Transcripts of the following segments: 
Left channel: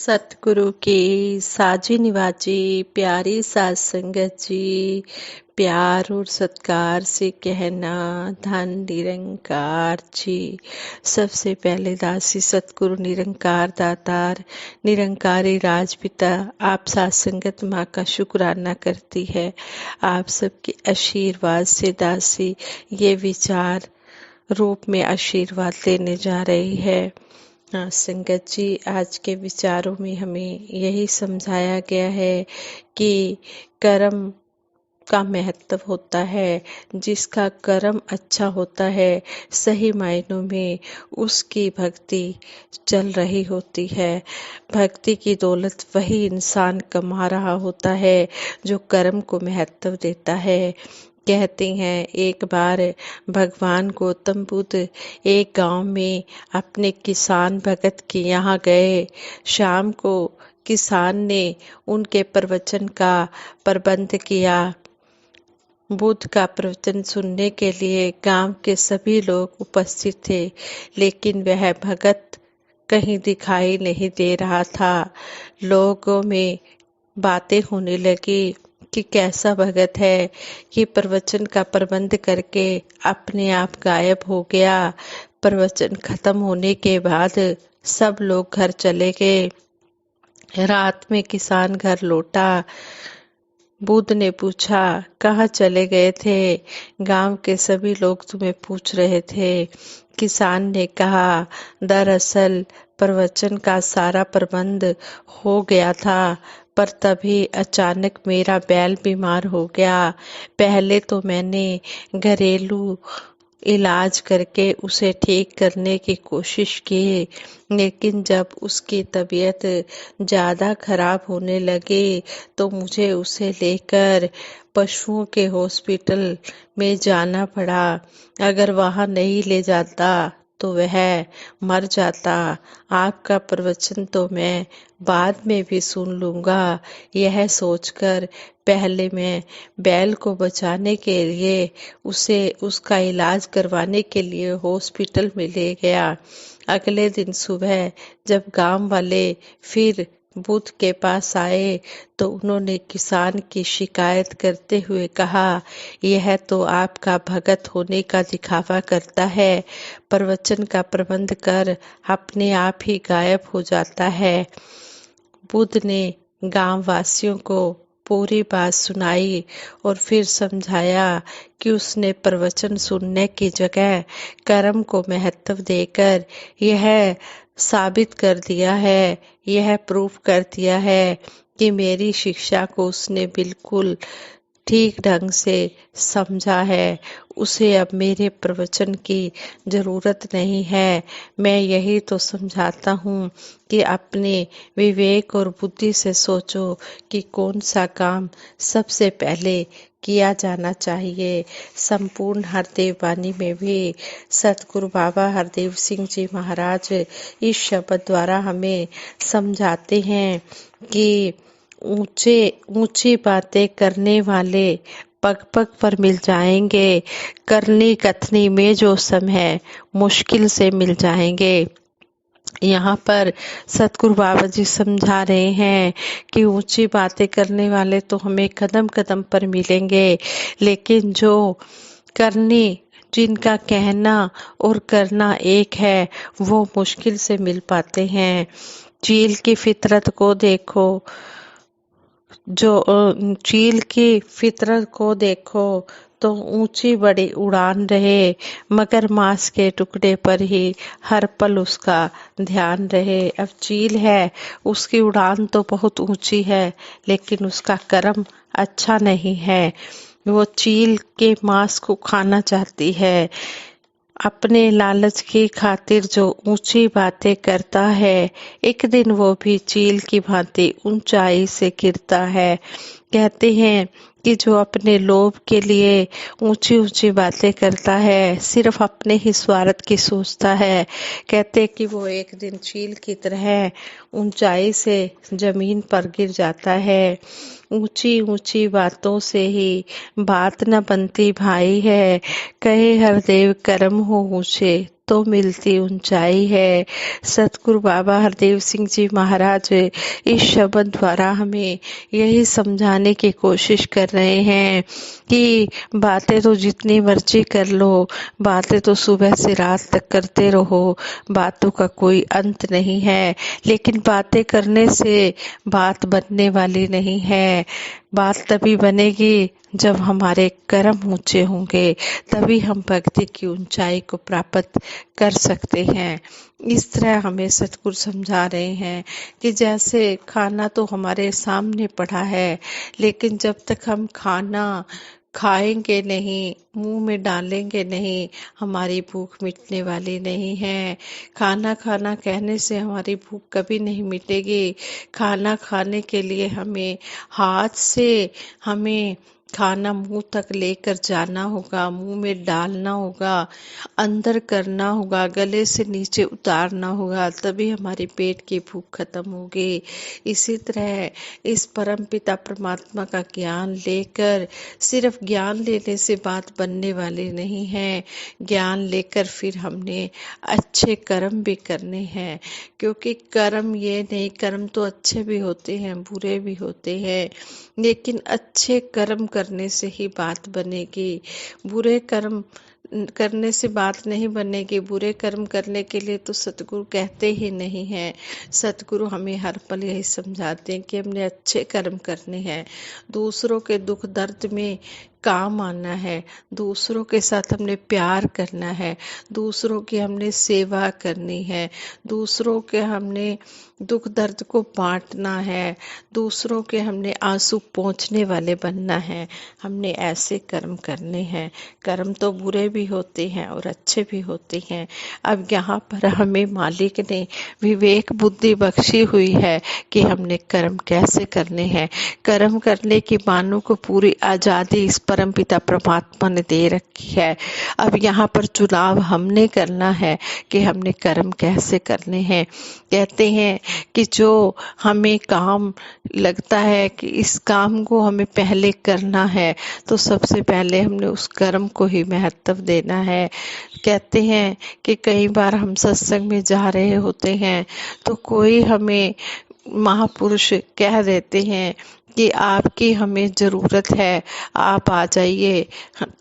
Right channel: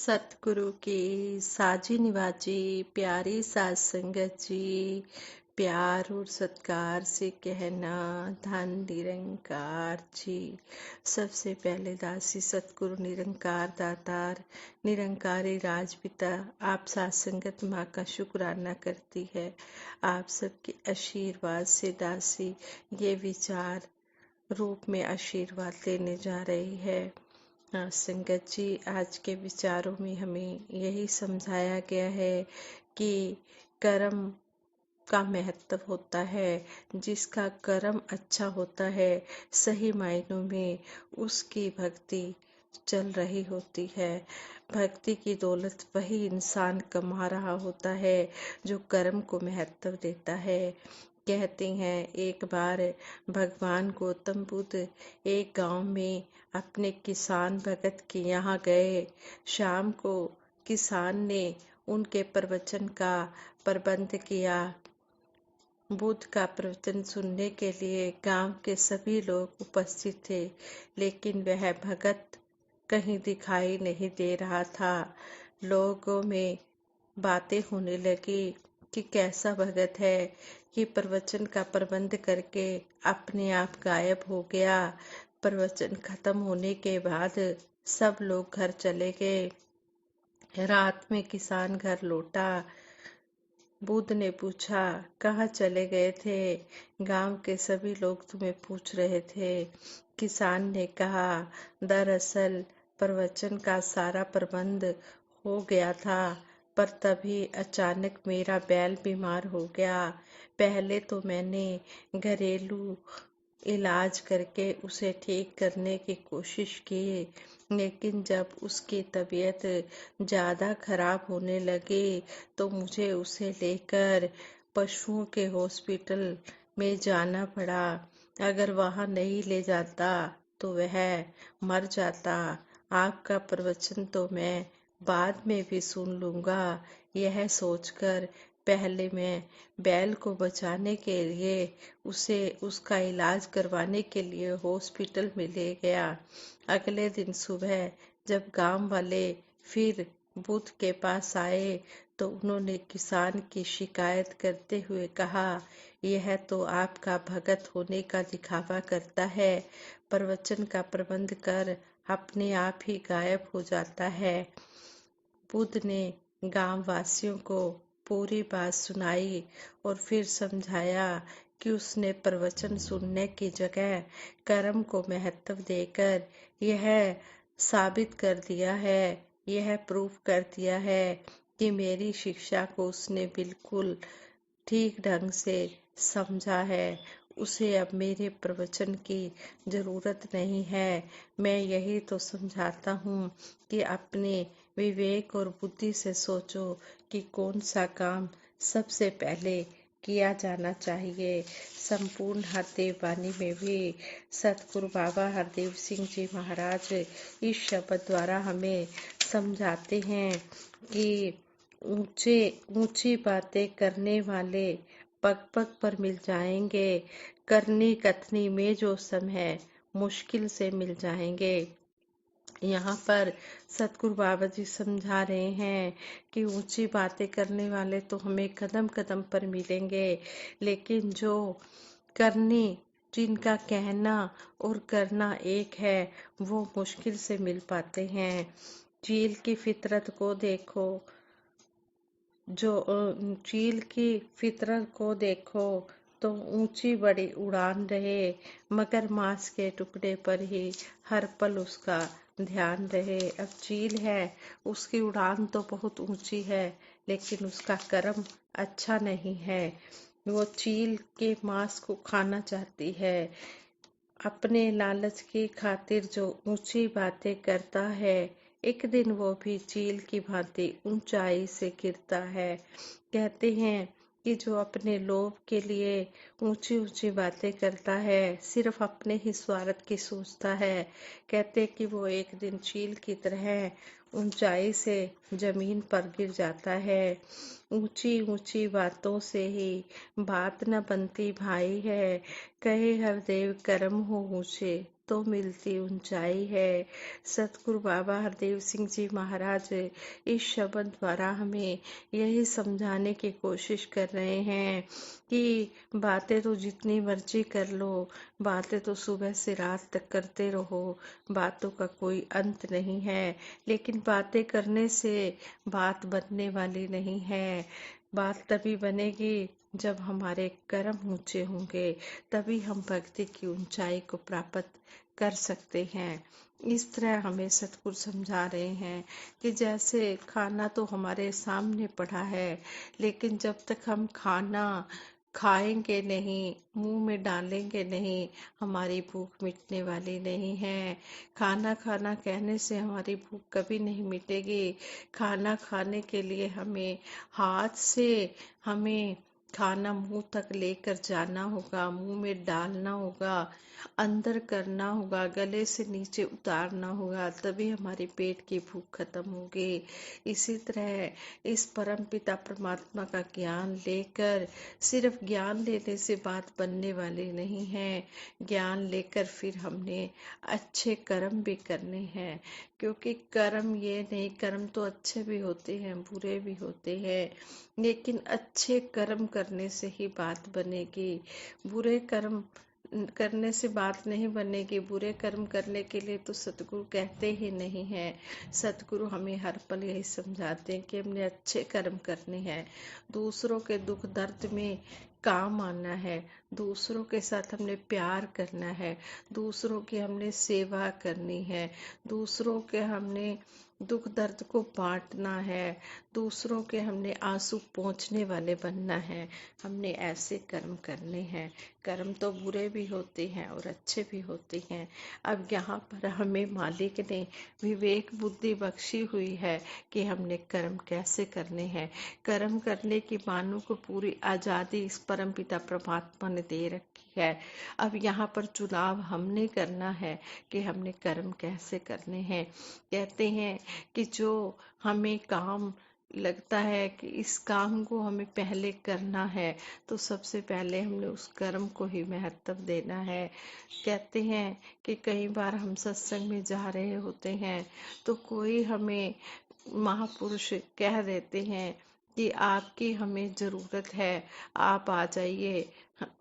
सतगुरु की साजी निवाजी प्यारी साज संगत जी, प्यार और सत्कार से कहना धन निरंकार जी। सबसे पहले दासी सतगुरु निरंकार दातार निरंकारी राजपिता आप साज संगत माँ का शुक्राना करती है। आप सबके आशीर्वाद से दासी ये विचार रूप में आशीर्वाद लेने जा रही है। हाँ संगत जी, आज के विचारों में हमें यही समझाया गया है कि कर्म का महत्व होता है। जिसका कर्म अच्छा होता है, सही मायनों में उसकी भक्ति चल रही होती है। भक्ति की दौलत वही इंसान कमा रहा होता है जो कर्म को महत्व देता है। कहते हैं एक बार भगवान गौतम बुद्ध एक गांव में अपने किसान भगत के यहाँ गए। शाम को किसान ने उनके प्रवचन का प्रबंध किया। बुद्ध का प्रवचन सुनने के लिए गांव के सभी लोग उपस्थित थे, लेकिन वह भगत कहीं दिखाई नहीं दे रहा था। लोगों में बातें होने लगी कि कैसा भगत है कि प्रवचन का प्रबंध करके अपने आप गायब हो गया। प्रवचन खत्म होने के बाद सब लोग घर चले गए। रात में किसान घर लौटा। बुद्ध ने पूछा, कहाँ चले गए थे? गांव के सभी लोग तुम्हें पूछ रहे थे। किसान ने कहा, दरअसल प्रवचन का सारा प्रबंध हो गया था, पर तभी अचानक मेरा बैल बीमार हो गया। पहले तो मैंने घरेलू इलाज करके उसे ठीक करने की कोशिश की, लेकिन जब उसकी तबीयत ज़्यादा खराब होने लगी तो मुझे उसे लेकर पशुओं के हॉस्पिटल में जाना पड़ा। अगर वहाँ नहीं ले जाता तो वह मर जाता। आपका प्रवचन तो मैं बाद में भी सुन लूँगा। यह सोचकर पहले मैं बैल को बचाने के लिए उसे उसका इलाज करवाने के लिए हॉस्पिटल में ले गया। अगले दिन सुबह जब गांव वाले फिर बुद्ध के पास आए तो उन्होंने किसान की शिकायत करते हुए कहा, यह तो आपका भगत होने का दिखावा करता है, प्रवचन का प्रबंध कर अपने आप ही गायब हो जाता है। बुद्ध ने गांव वासियों को पूरी बात सुनाई और फिर समझाया कि उसने प्रवचन सुनने की जगह कर्म को महत्व देकर यह साबित कर दिया है, यह प्रूफ कर दिया है कि मेरी शिक्षा को उसने बिल्कुल ठीक ढंग से समझा है। उसे अब मेरे प्रवचन की ज़रूरत नहीं है। मैं यही तो समझाता हूँ कि अपने विवेक और बुद्धि से सोचो कि कौन सा काम सबसे पहले किया जाना चाहिए। संपूर्ण हरदेव वाणी में भी सतगुरु बाबा हरदेव सिंह जी महाराज इस शब्द द्वारा हमें समझाते हैं कि ऊंचे ऊंची बातें करने वाले पग पग पर मिल जाएंगे, करनी कथनी में जो सम है मुश्किल से मिल जाएंगे। यहाँ पर सतगुरु बाबा जी समझा रहे हैं कि ऊंची बातें करने वाले तो हमें कदम कदम पर मिलेंगे, लेकिन जो करनी जिनका कहना और करना एक है वो मुश्किल से मिल पाते हैं। चील की फितरत को देखो, चील की फितरत को देखो तो ऊंची बड़ी उड़ान रहे, मगर मांस के टुकड़े पर ही हर पल उसका ध्यान रहे। अब चील है, उसकी उड़ान तो बहुत ऊंची है, लेकिन उसका कर्म अच्छा नहीं है। वो चील के मांस को खाना चाहती है। अपने लालच की खातिर जो ऊंची बातें करता है, एक दिन वो भी चील की भांति ऊंचाई से गिरता है। कहते हैं कि जो अपने लोभ के लिए ऊंची ऊंची बातें करता है, सिर्फ अपने ही स्वार्थ की सोचता है, कहते कि वो एक दिन चील की तरह ऊंचाई से जमीन पर गिर जाता है। ऊंची ऊंची बातों से ही बात न बनती भाई है, कहे हरदेव कर्म हो ऊंचे तो मिलती ऊंचाई है। सतगुरु बाबा हरदेव सिंह जी महाराज इस शब्द द्वारा हमें यही समझाने की कोशिश कर रहे हैं कि बातें तो जितनी मर्जी कर लो, बातें तो सुबह से रात तक करते रहो, बातों का कोई अंत नहीं है। लेकिन बातें करने से बात बनने वाली नहीं है। बात तभी बनेगी जब हमारे कर्म ऊंचे होंगे, तभी हम भक्ति की ऊंचाई को प्राप्त कर सकते हैं। इस तरह हमें सतगुरु समझा रहे हैं कि जैसे खाना तो हमारे सामने पड़ा है, लेकिन जब तक हम खाना खाएंगे नहीं, मुंह में डालेंगे नहीं, हमारी भूख मिटने वाली नहीं है। खाना खाना कहने से हमारी भूख कभी नहीं मिटेगी। खाना खाने के लिए हमें हाथ से हमें खाना मुंह तक लेकर जाना होगा, मुंह में डालना होगा, अंदर करना होगा, गले से नीचे उतारना होगा, तभी हमारे पेट की भूख खत्म होगी। इसी तरह इस परम पिता परमात्मा का ज्ञान लेकर, सिर्फ ज्ञान लेने से बात बनने वाली नहीं है। ज्ञान लेकर फिर हमने अच्छे कर्म भी करने हैं, क्योंकि कर्म ये नहीं, कर्म तो अच्छे भी होते हैं, बुरे भी होते हैं, लेकिन अच्छे कर्म करने से ही बात बनेगी। बुरे कर्म करने से बात नहीं बनेगी। बुरे कर्म करने के लिए तो सतगुरु कहते ही नहीं हैं। सतगुरु हमें हर पल यही समझाते हैं कि हमने अच्छे कर्म करने हैं, दूसरों के दुख दर्द में काम आना है, दूसरों के साथ हमने प्यार करना है, दूसरों की हमने सेवा करनी है, दूसरों के हमने दुख दर्द को बांटना है, दूसरों के हमने आंसू पोंछने वाले बनना है। हमने ऐसे कर्म करने हैं। कर्म तो बुरे भी होते हैं और अच्छे भी होते हैं। अब यहाँ पर हमें मालिक ने विवेक बुद्धि बख्शी हुई है कि हमने कर्म कैसे करने हैं। कर्म करने की मानव को पूरी आज़ादी इस परमपिता परमात्मा ने दे रखी है। अब यहाँ पर चुनाव हमने करना है कि हमने कर्म कैसे करने हैं। कहते हैं कि जो हमें काम लगता है कि इस काम को हमें पहले करना है, तो सबसे पहले हमने उस कर्म को ही महत्व देना है। कहते हैं कि कई बार हम सत्संग में जा रहे होते हैं तो कोई हमें महापुरुष कह देते हैं कि आपकी हमें ज़रूरत है, आप आ जाइए।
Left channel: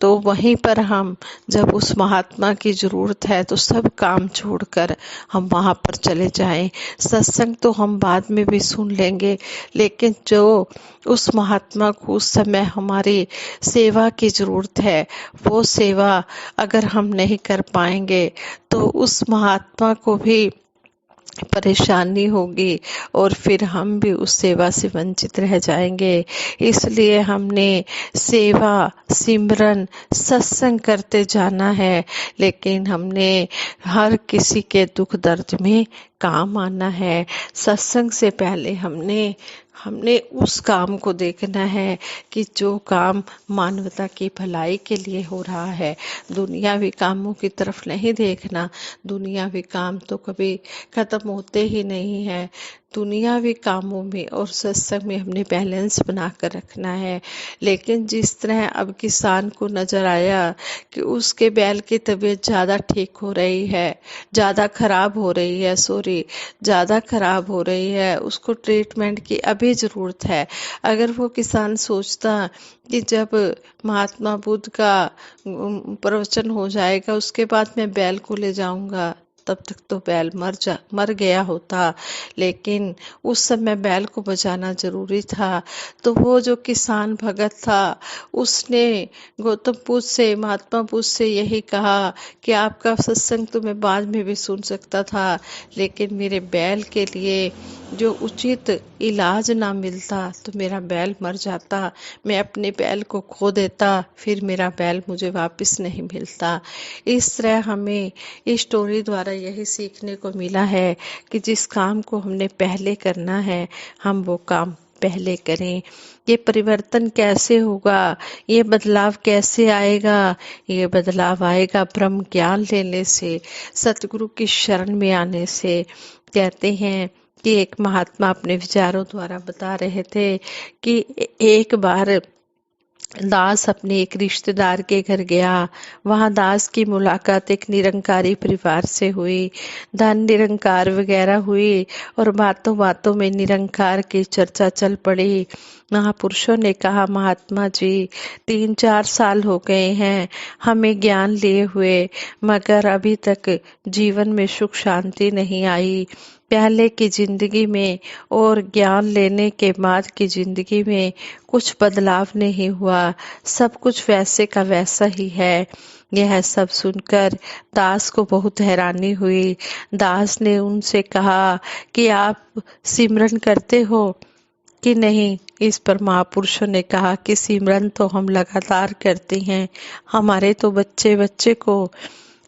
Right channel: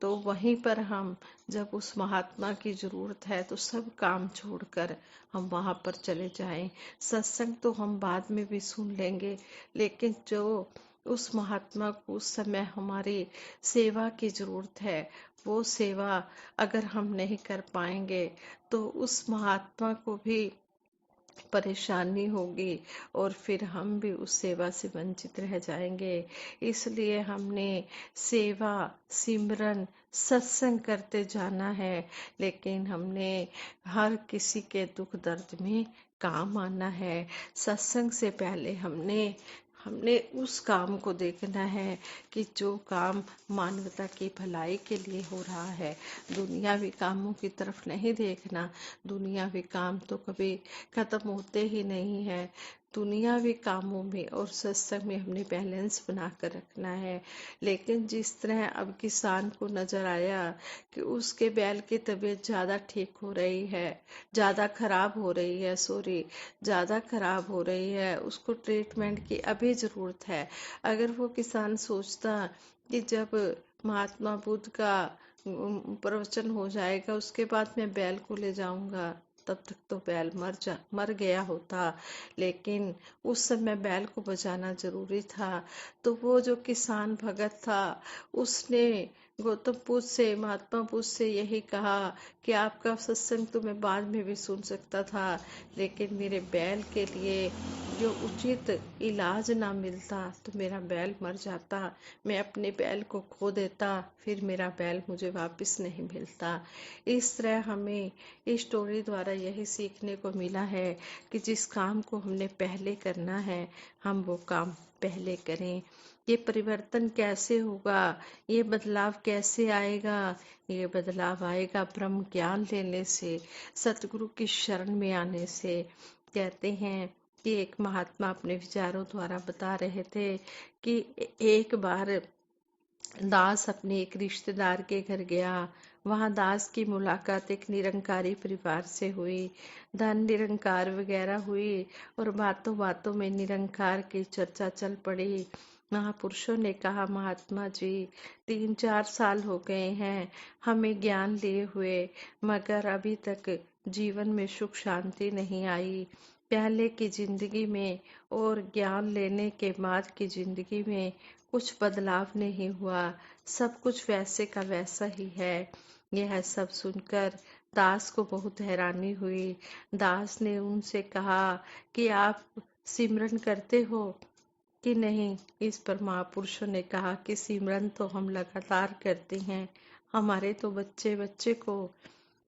तो वहीं पर हम जब उस महात्मा की ज़रूरत है तो सब काम छोड़कर हम वहाँ पर चले जाएं। सत्संग तो हम बाद में भी सुन लेंगे, लेकिन जो उस महात्मा को उस समय हमारी सेवा की ज़रूरत है, वो सेवा अगर हम नहीं कर पाएंगे तो उस महात्मा को भी परेशानी होगी और फिर हम भी उस सेवा से वंचित रह जाएंगे। इसलिए हमने सेवा, सिमरन, सत्संग करते जाना है, लेकिन हमने हर किसी के दुख दर्द में काम आना है। सत्संग से पहले हमने हमने उस काम को देखना है कि जो काम मानवता की भलाई के लिए हो रहा है। दुनियावी कामों की तरफ नहीं देखना। दुनियावी काम तो कभी खत्म होते ही नहीं है। दुनियावी कामों में और सत्संग में हमने बैलेंस बना कर रखना है। लेकिन जिस तरह अब किसान को नज़र आया कि उसके बैल की तबीयत ज़्यादा ठीक हो रही है, ज़्यादा खराब हो रही है, ज़्यादा खराब हो रही है, उसको ट्रीटमेंट की अभी ज़रूरत है। अगर वो किसान सोचता कि जब महात्मा बुद्ध का प्रवचन हो जाएगा उसके बाद मैं बैल को ले जाऊंगा, तब तक तो बैल मर गया होता। लेकिन उस समय बैल को बचाना जरूरी था। तो वो जो किसान भगत था उसने गौतम बुद्ध से, महात्मा बुद्ध से यही कहा कि आपका सत्संग तो मैं बाद में भी सुन सकता था, लेकिन मेरे बैल के लिए जो उचित इलाज ना मिलता तो मेरा बैल मर जाता, मैं अपने बैल को खो देता, फिर मेरा बैल मुझे वापस नहीं मिलता। इस तरह हमें इस स्टोरी द्वारा यही सीखने को मिला है कि जिस काम को हमने पहले करना है हम वो काम पहले करें। ये परिवर्तन कैसे होगा, ये बदलाव कैसे आएगा? ये बदलाव आएगा ब्रह्म ज्ञान लेने से, सतगुरु की शरण में आने से। कहते हैं कि एक महात्मा अपने विचारों द्वारा बता रहे थे कि एक बार दास अपने एक रिश्तेदार के घर गया। वहां दास की मुलाकात एक निरंकारी परिवार से हुई। धन निरंकार वगैरह हुई और बातों बातों में निरंकार की चर्चा चल पड़ी। महापुरुषों ने कहा, महात्मा जी, 3-4 साल हो गए हैं हमें ज्ञान लिए हुए, मगर अभी तक जीवन में सुख शांति नहीं आई। पहले की जिंदगी में और ज्ञान लेने के बाद की जिंदगी में कुछ बदलाव नहीं हुआ, सब कुछ वैसे का वैसा ही है। यह सब सुनकर दास को बहुत हैरानी हुई। दास ने उनसे कहा कि आप सिमरन करते हो कि नहीं। इस पर महापुरुषों ने कहा कि सिमरन तो हम लगातार करते हैं, हमारे तो बच्चे बच्चे को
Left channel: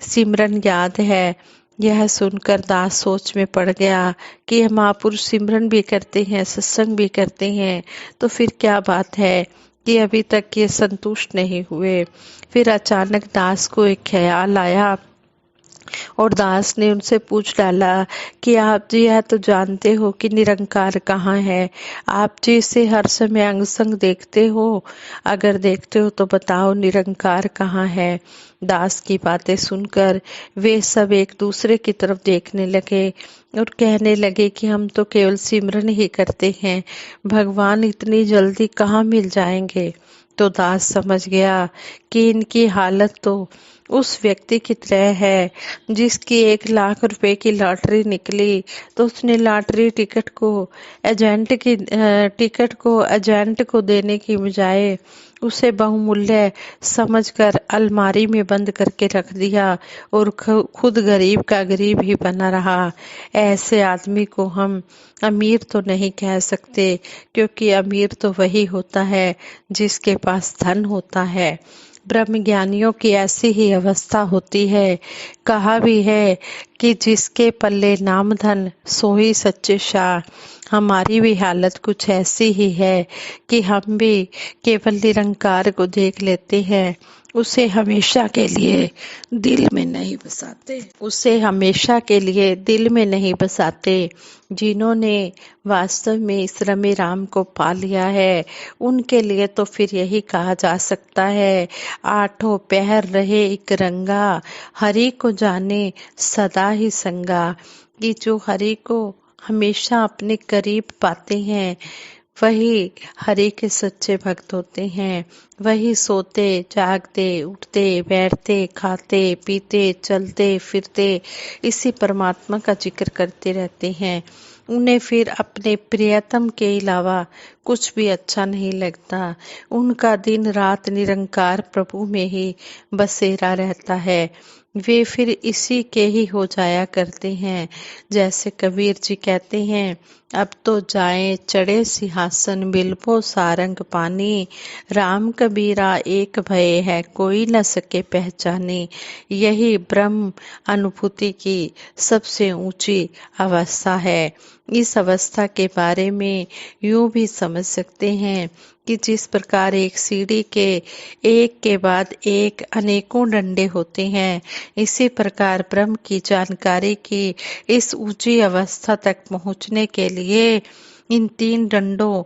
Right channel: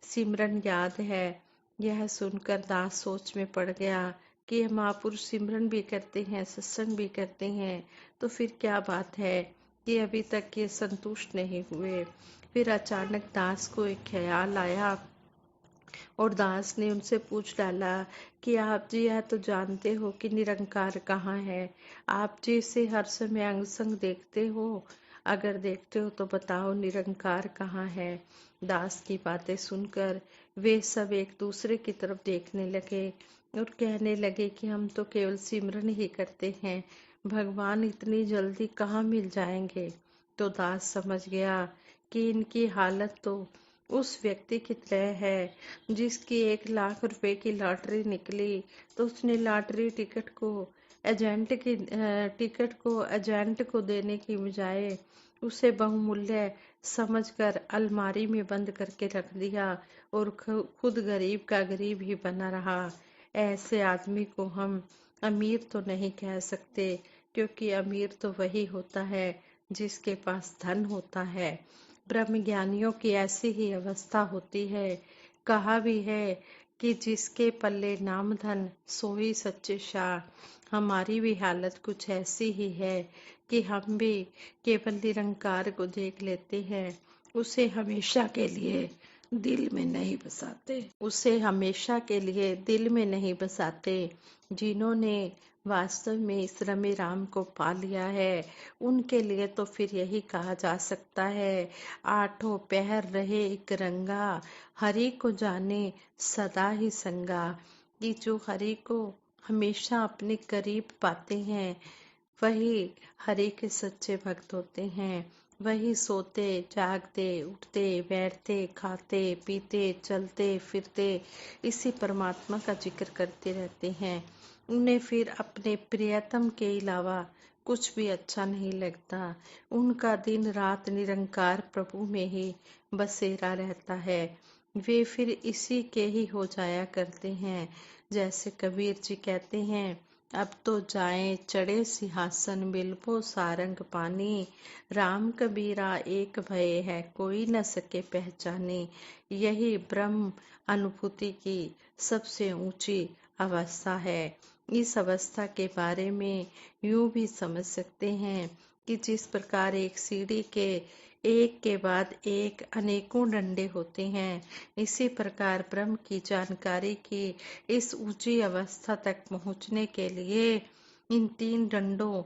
सिमरन याद है। यह सुनकर दास सोच में पड़ गया कि यह महापुरुष सिमरन भी करते हैं, सत्संग भी करते हैं, तो फिर क्या बात है कि अभी तक ये संतुष्ट नहीं हुए। फिर अचानक दास को एक ख्याल आया और दास ने उनसे पूछ डाला कि आप जी यह तो जानते हो कि निरंकार कहाँ है, आप जी इसे हर समय अंग संग देखते हो, अगर देखते हो तो बताओ निरंकार कहाँ है। दास की बातें सुनकर वे सब एक दूसरे की तरफ देखने लगे और कहने लगे कि हम तो केवल सिमरन ही करते हैं, भगवान इतनी जल्दी कहाँ मिल जाएंगे। तो दास समझ गया कि इनकी हालत तो उस व्यक्ति की तरह है जिसकी 1 लाख रुपए की लॉटरी निकली, तो उसने लॉटरी टिकट को एजेंट को देने की बजाय उसे बहुमूल्य समझकर अलमारी में बंद करके रख दिया और खुद गरीब का गरीब ही बना रहा। ऐसे आदमी को हम अमीर तो नहीं कह सकते, क्योंकि अमीर तो वही होता है जिसके पास धन होता है। ब्रह्म ज्ञानियों की ऐसी ही अवस्था होती है। कहा भी है कि जिसके पल्ले नाम धन सोई सच्चे शाह। हमारी भी हालत कुछ ऐसी ही है कि हम भी केवल निरंकार को देख लेते हैं, उसे हमेशा के लिए दिल में नहीं बसाते, उसे हमेशा के लिए दिल में नहीं बसाते। जिन्होंने वास्तव में इस रमे राम को पा लिया है, उनके लिए तो फिर यही कहा जा सकता है, आठों पहर रहे एक रंगा, हरि को जाने सदा ही संगा। कि जो हरि को हमेशा अपने करीब पाते हैं, वही हरि के सच्चे भक्त होते हैं। वही सोते जागते उठते बैठते खाते पीते चलते फिरते इसी परमात्मा का जिक्र करते रहते हैं। उन्हें फिर अपने प्रियतम के अलावा कुछ भी अच्छा नहीं लगता। उनका दिन रात निरंकार प्रभु में ही बसेरा रहता है। वे फिर इसी के ही हो जाया करते हैं। जैसे कबीर जी कहते हैं, अब तो जाएं चढ़े सिंहासन बिलपो सारंग पानी, राम कबीरा एक भय है कोई न सके पहचाने। यही ब्रह्म अनुभूति की सबसे ऊंची अवस्था है। इस अवस्था के बारे में यूं भी समझ सकते हैं कि जिस प्रकार एक सीढ़ी के एक के बाद एक अनेकों डंडे होते हैं, इसी प्रकार ब्रह्म की जानकारी की इस ऊंची अवस्था तक पहुंचने के लिए इन 3 डंडों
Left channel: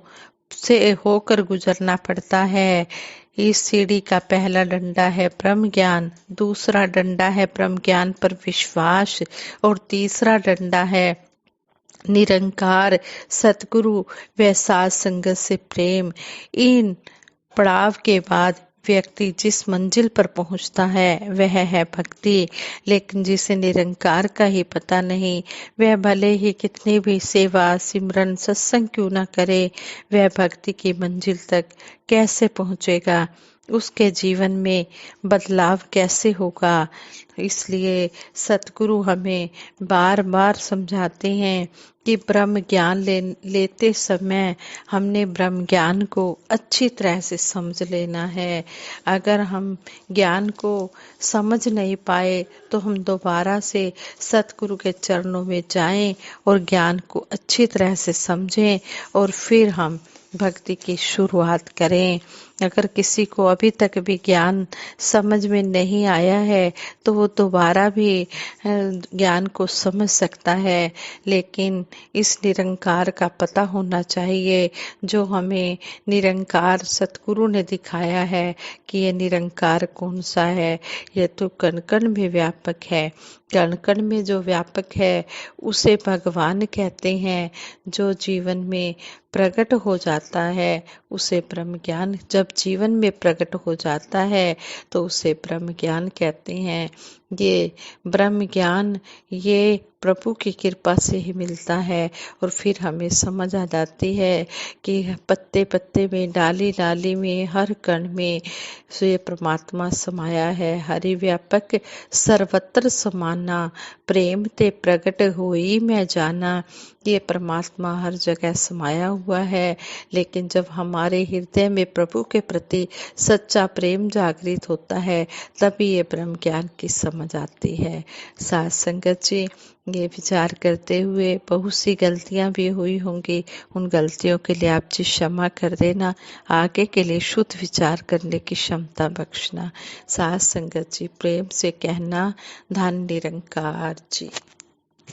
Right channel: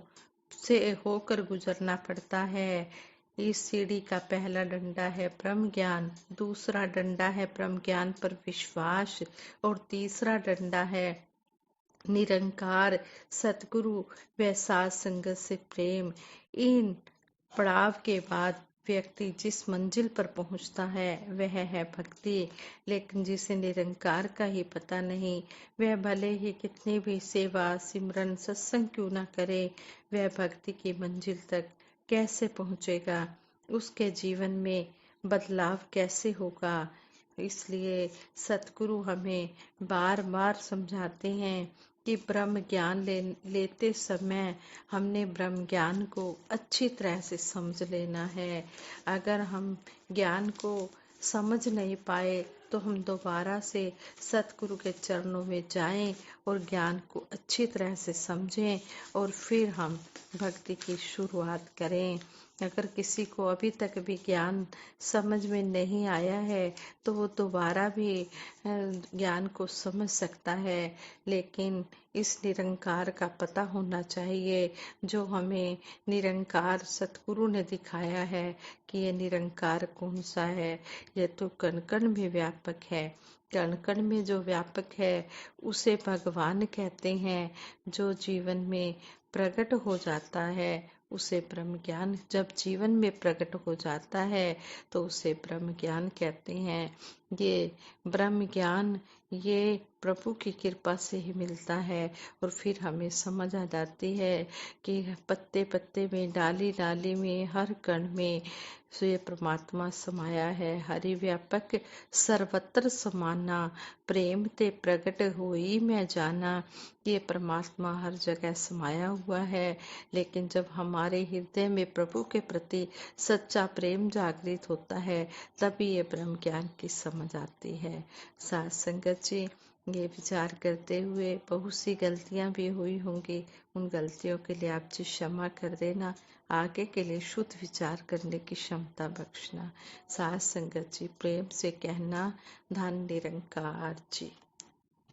से होकर गुजरना पड़ता है। इस सीढ़ी का पहला डंडा है ब्रह्म ज्ञान, दूसरा डंडा है ब्रह्म ज्ञान पर विश्वास और तीसरा डंडा है निरंकार सतगुरु व साध संगत से प्रेम। इन पड़ाव के बाद व्यक्ति जिस मंजिल पर पहुंचता है वह है भक्ति। लेकिन जिसे निरंकार का ही पता नहीं, वह भले ही कितनी भी सेवा सिमरन सत्संग क्यों न करे, वह भक्ति की मंजिल तक कैसे पहुंचेगा, उसके जीवन में बदलाव कैसे होगा। इसलिए सतगुरु हमें बार बार समझाते हैं कि ब्रह्म ज्ञान लेते समय हमने ब्रह्म ज्ञान को अच्छी तरह से समझ लेना है। अगर हम ज्ञान को समझ नहीं पाए तो हम दोबारा से सतगुरु के चरणों में जाएं और ज्ञान को अच्छी तरह से समझें और फिर हम भक्ति की शुरुआत करें। अगर किसी को अभी तक भी ज्ञान समझ में नहीं आया है तो वो दोबारा भी ज्ञान को समझ सकता है, लेकिन इस निरंकार का पता होना चाहिए जो हमें निरंकार सतगुरु ने दिखाया है कि ये निरंकार कौन सा है। ये तो कण कण में व्यापक है। कण कण में जो व्यापक है उसे भगवान कहते हैं। जो जीवन में प्रकट हो जाता है उसे ब्रह्म ज्ञान, जब जीवन में प्रकट हो जाता है तो उसे ब्रह्म ज्ञान कहते हैं। ये ब्रह्म ज्ञान ये प्रभु की कृपा से ही मिलता है और फिर हमें समझ आ जाती है कि पत्ते पत्ते में, डाली डाली में, हर कण में ये परमात्मा समाया है। हरि व्यापक सर्वत्र समाना, प्रेम ते प्रगट होई मैं जाना। ये परमात्मा हर जगह समाया हुआ है, लेकिन जब हमारे हृदय में प्रभु के प्रति सच्चा प्रेम जागृत होता है तभी ये ब्रह्म ज्ञान की समझ आती है। साथ संगत जी, ये विचार करते हुए बहुत सी गलतियां भी हुई होंगी, उन गलतियों के लिए आप जी क्षमा कर देना। आगे के लिए शुद्ध विचार करने की क्षमता बख्शना। साथ संगत जी, प्रेम से कहना, धन निरंकार जी।